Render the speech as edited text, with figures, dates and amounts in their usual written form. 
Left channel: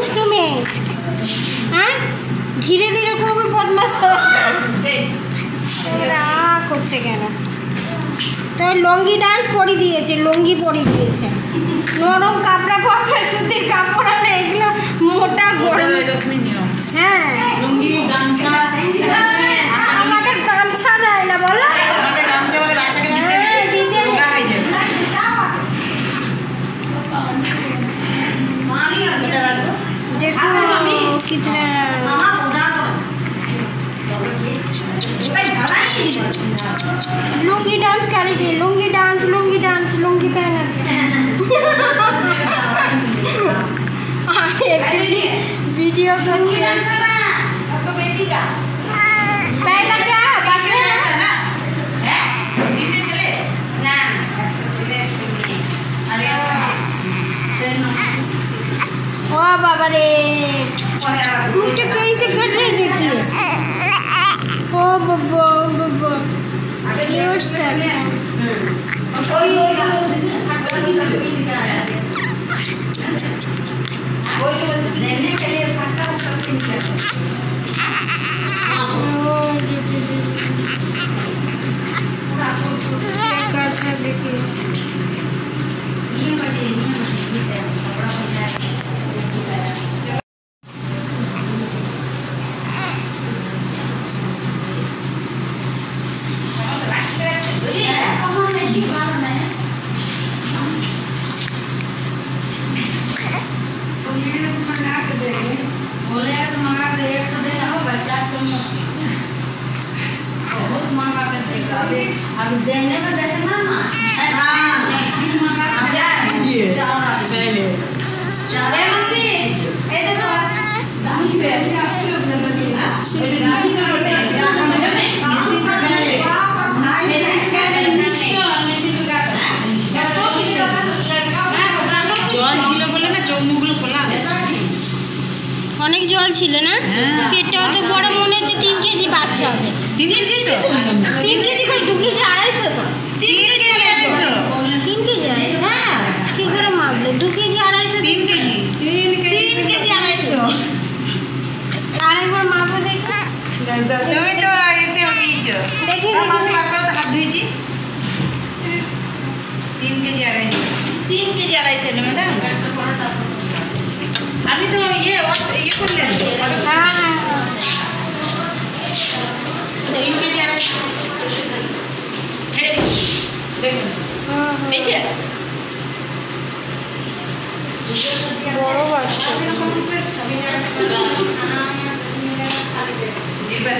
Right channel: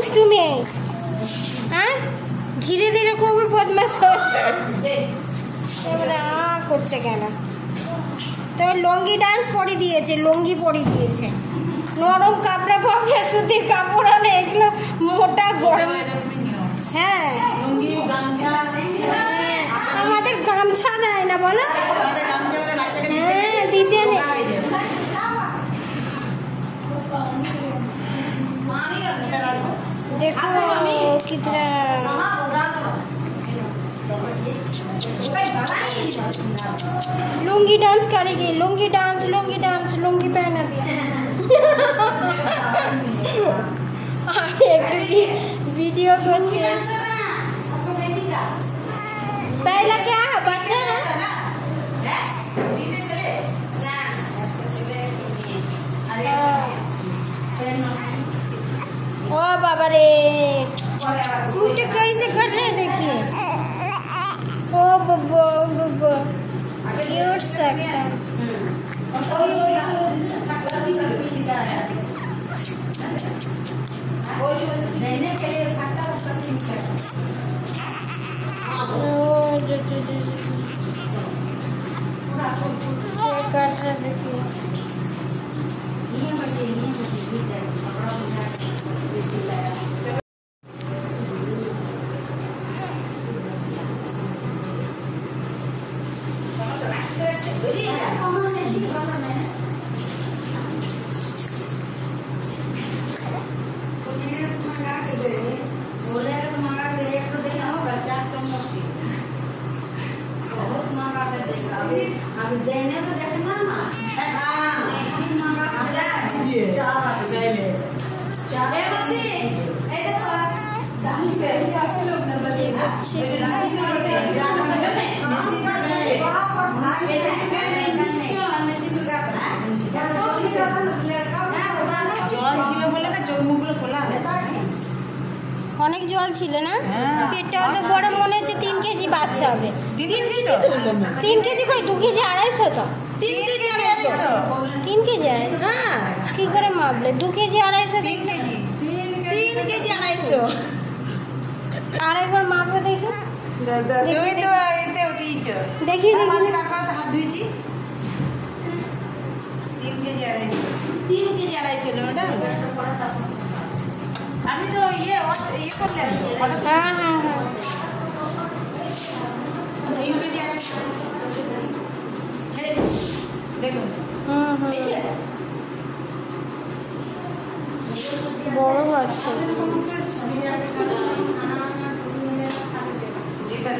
দুষ্টু মেয়ে, হ্যাঁ ধীরে ধীরে খুব বদমাশ করছে কেন? তো লুঙ্গি ডান্স পরিয়ে দিয়েছে, লুঙ্গি পরিয়ে দিয়েছে। নরম কাপড়া ফাপড়া সুতির কাপড় হলে এগুলো মোটা গরম। হ্যাঁ লুঙ্গি গামছা, আমাদের গামছা দেয় না বলো, আমাদের গামছা বলে বাচ্চাকে দিতে নোংরা হয়ে যায়। देखो कितना लुंगी डांस कर रही थी, लुंगी डांस लुंगी पहना वीडियो पहला क्या बच्चा ओ बाबा रे मुझे कैसे कट रहे देखिए। ओ बब्बो बब्बो क्यूट सा देखिए। অনেক জল ছিল না, পেটটাও তো বড় মনে হচ্ছে 3 কেজি বাচ্চা হবে। 3 কেজি তো 3 কেজি কই 2 কেজি 250 তো 3 কেজি 250 3 কেজি হ্যাঁ কি করে মাপলে 2 কেজি 250 3 কেজি 3 কেজি 250 আরেকবার মাপো দেখি। তুমি তো এতে নিয়েছো দেখি পাশে একটা হাত ধুইছি 3 কেজি 250 3 কেজি 250 না ম্যাডাম আপনি তো ইয়ে করলেন হ্যাঁ 3 কেজি 250 ছেড়ে দিচ্ছি দেখুন পেয়েছে বড় বাচ্চা জিবা